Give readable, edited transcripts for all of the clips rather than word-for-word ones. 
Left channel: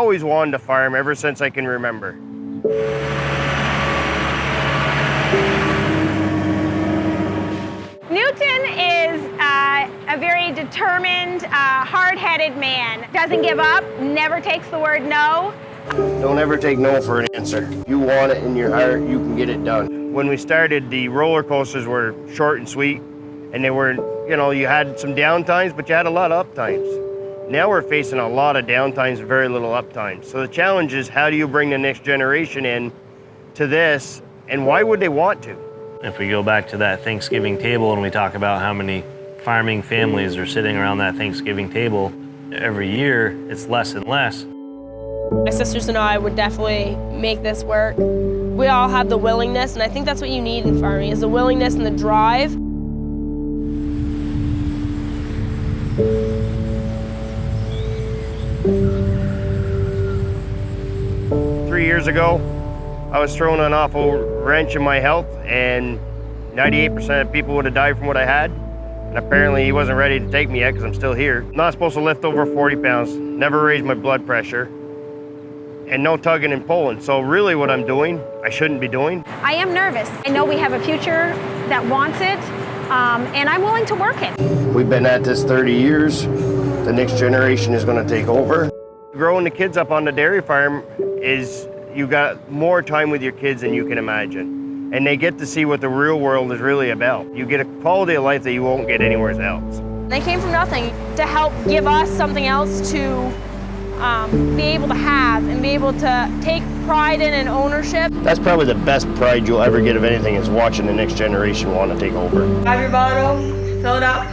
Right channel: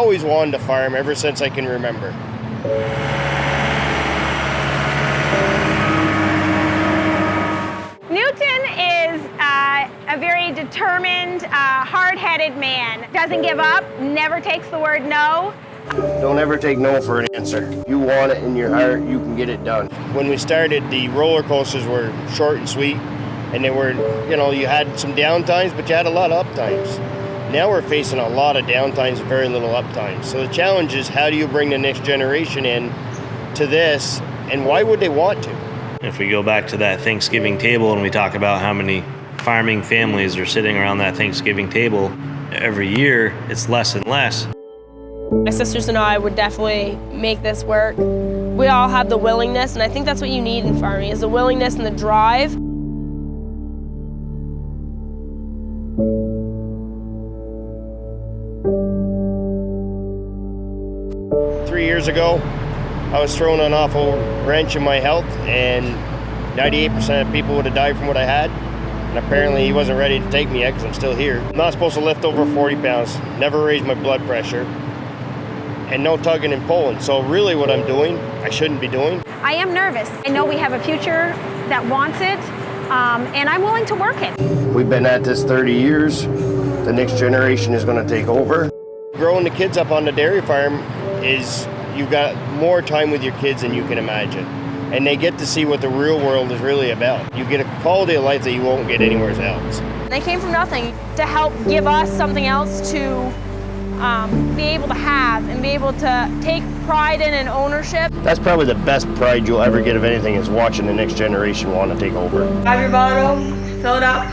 always wanted to farm ever since I can remember. Newton is a very determined, hard-headed man. Doesn't give up, never takes the word no. Don't ever take no for an answer. You want it in your heart, you can get it done. When we started, the roller coasters were short and sweet, and they were, you had some down times, but you had a lot of up times. Now we're facing a lot of down times and very little up times. So the challenge is, how do you bring the next generation in to this, and why would they want to? If we go back to that Thanksgiving table and we talk about how many farming families are sitting around that Thanksgiving table, every year it's less and less. My sisters and I would definitely make this work. We all have the willingness, and I think that's what you need in farming, is the willingness and the drive. Years ago, I was throwing an awful wrench in my health, and 98% of people would have died from what I had. And apparently he wasn't ready to take me yet, because I'm still here. I'm not supposed to lift over 40 pounds, never raise my blood pressure, and no tugging and pulling. So really what I'm doing, I shouldn't be doing. I am nervous. I know we have a future that wants it, and I'm willing to work it. We've been at this 30 years. The next generation is going to take over. Growing the kids up on the dairy farm is, you got more time with your kids than you can imagine. And they get to see what the real world is really about. You get a quality of life that you won't get anywhere else. They came from nothing to help give us something else to be able to have and be able to take pride in and ownership. That's probably the best pride you'll ever get of anything, is watching the next generation want to take over. Have your bottle, fill it up.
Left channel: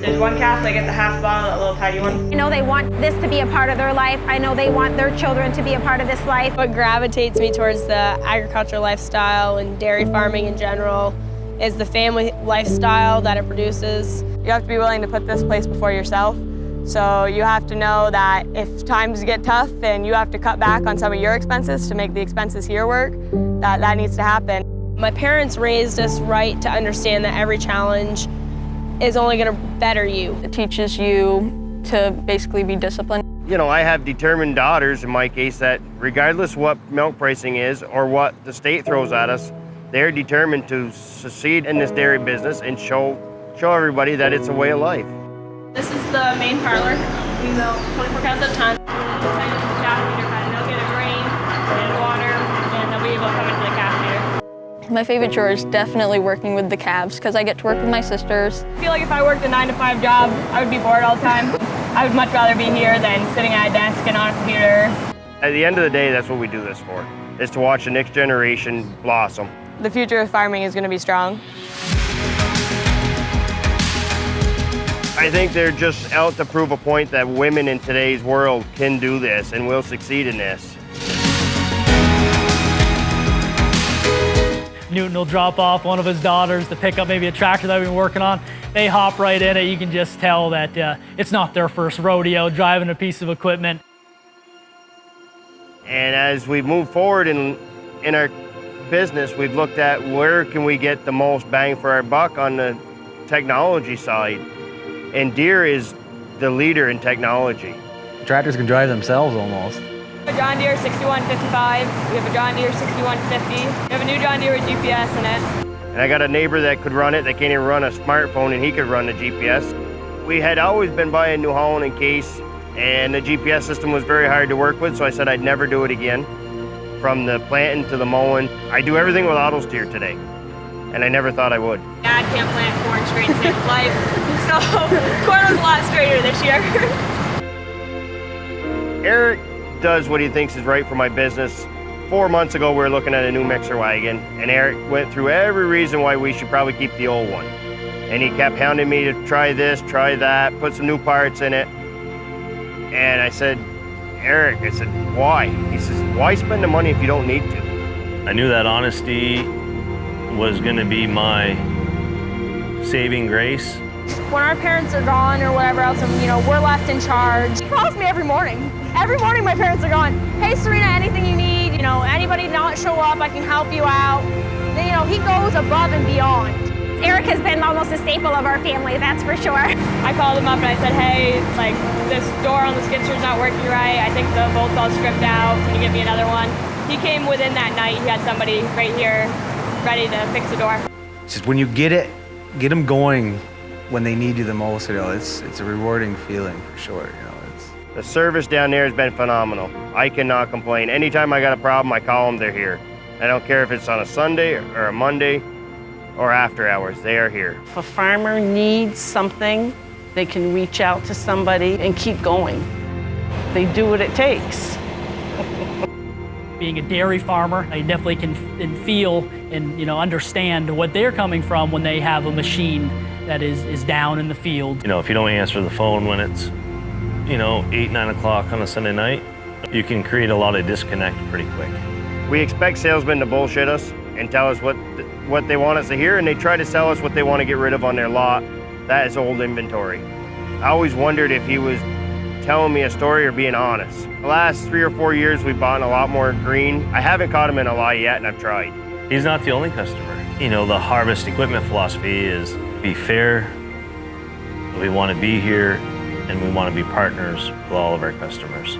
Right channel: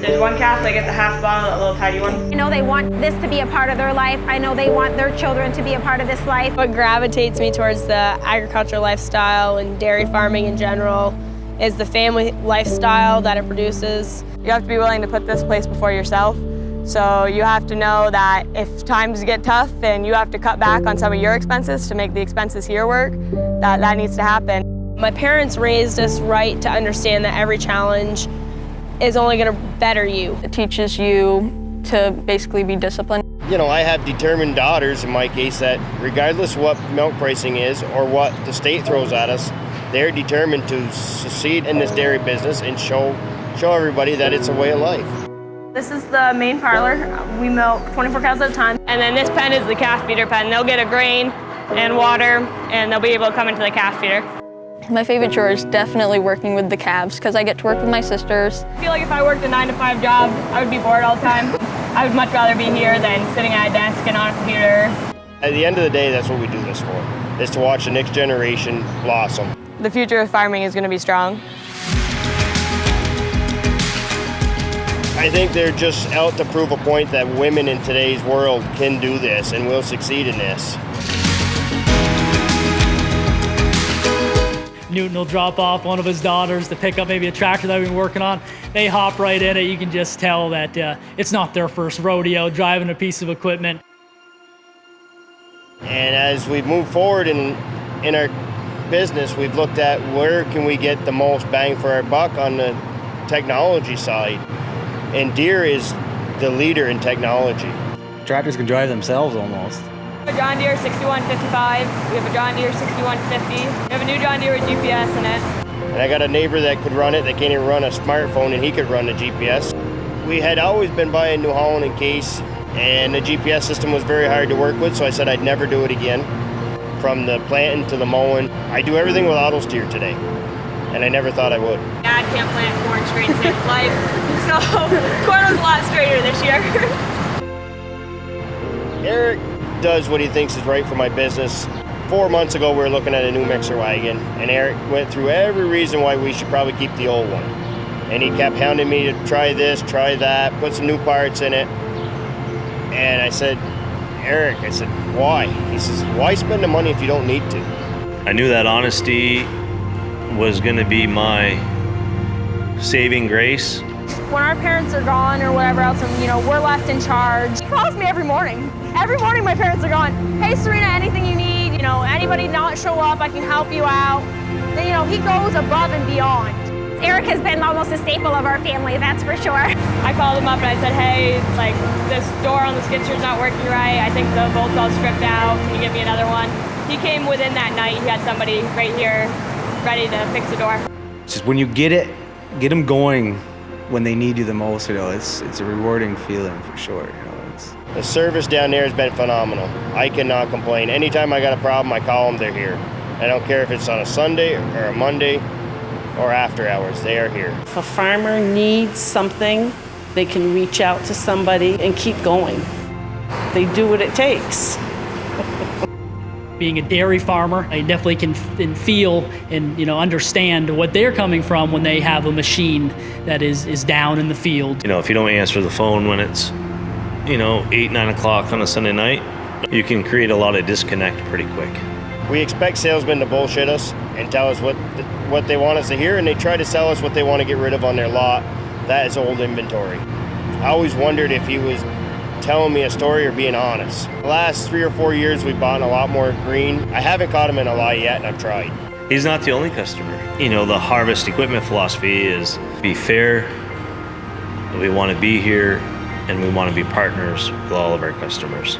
There's one calf that gets a half bottle, that little tiny one. I know they want this to be a part of their life. I know they want their children to be a part of this life. What gravitates me towards the agricultural lifestyle and dairy farming in general is the family lifestyle that it produces. You have to be willing to put this place before yourself. So you have to know that if times get tough and you have to cut back on some of your expenses to make the expenses here work, that needs to happen. My parents raised us right to understand that every challenge is only going to better you. It teaches you to basically be disciplined. I have determined daughters, in my case, that regardless what milk pricing is or what the state throws at us, they're determined to succeed in this dairy business and show everybody that it's a way of life. This is the main parlor. We milk 24 cows at a time. And then this pen is the calf feeder pen. They'll get a grain and water, and they'll be able to come into the calf feeder. My favorite chore is definitely working with the calves, because I get to work with my sisters. I feel like if I worked a 9-to-5 job, I would be bored all the time. I would much rather be here than sitting at a desk and on a computer. At the end of the day, that's what we do this for, is to watch the next generation blossom. The future of farming is going to be strong. I think they're just out to prove a point that women in today's world can do this and will succeed in this. Newton will drop off one of his daughters to pick up maybe a tractor that we've been working on. They hop right in it. You can just tell that it's not their first rodeo driving a piece of equipment. And as we've moved forward in our business, we've looked at where can we get the most bang for our buck on the technology side. And Deere is the leader in technology. Tractors can drive themselves almost. We have a John Deere 6155, we have a John Deere 6150, we have a new John Deere with GPS in it. And I got a neighbor that could run it, that can't even run a smartphone, and he could run the GPS. We had always been buying New Holland and Case, and the GPS system was very hard to work with, so I said I'd never do it again. From the planting to the mowing, I do everything with auto steer today, and I never thought I would. Dad can't plant corn straight to save life, so corn was a lot straighter this year. Eric does what he thinks is right for my business. 4 months ago, we were looking at a new mixer wagon, and Eric went through every reason why we should probably keep the old one. And he kept hounding me to try this, try that, put some new parts in it. And I said, Eric, I said, why? He says, why spend the money if you don't need to? I knew that honesty was going to be my saving grace. When our parents are gone or whatever else, and we're left in charge. He calls me every morning. Every morning my parents are gone. Hey Serena, anything you need, anybody not show up, I can help you out. Then, he goes above and beyond. Eric has been almost a staple of our family, that's for sure. I called him up and I said, hey, like this door on the skid steer's not working right. I think the bolt's all stripped out. Can you give me another one? He came within that night. He had somebody right here ready to fix the door. It's just when you get them going when they need you the most, you know, it's a rewarding feeling for sure. You know, The service down there has been phenomenal. I cannot complain. Anytime I got a problem, I call them, they're here. I don't care if it's on a Sunday or a Monday or after hours, they are here. If a farmer needs something, they can reach out to somebody and keep going. They do what it takes. Being a dairy farmer, I definitely can feel and understand what they're coming from when they have a machine that is down in the field. You know, if you don't answer the phone when it's 8, 9 o'clock on a Sunday night, you can create a lot of disconnect pretty quick. We expect salesmen to bullshit us and tell us what they want us to hear, and they try to sell us what they want to get rid of on their lot. That is old inventory. I always wondered if he was telling me a story or being honest. The last 3 or 4 years, we bought a lot more green. I haven't caught him in a lie yet, and I've tried. He's not the only customer. The harvest equipment philosophy is be fair, we want to be here, and we want to be partners with all of our customers.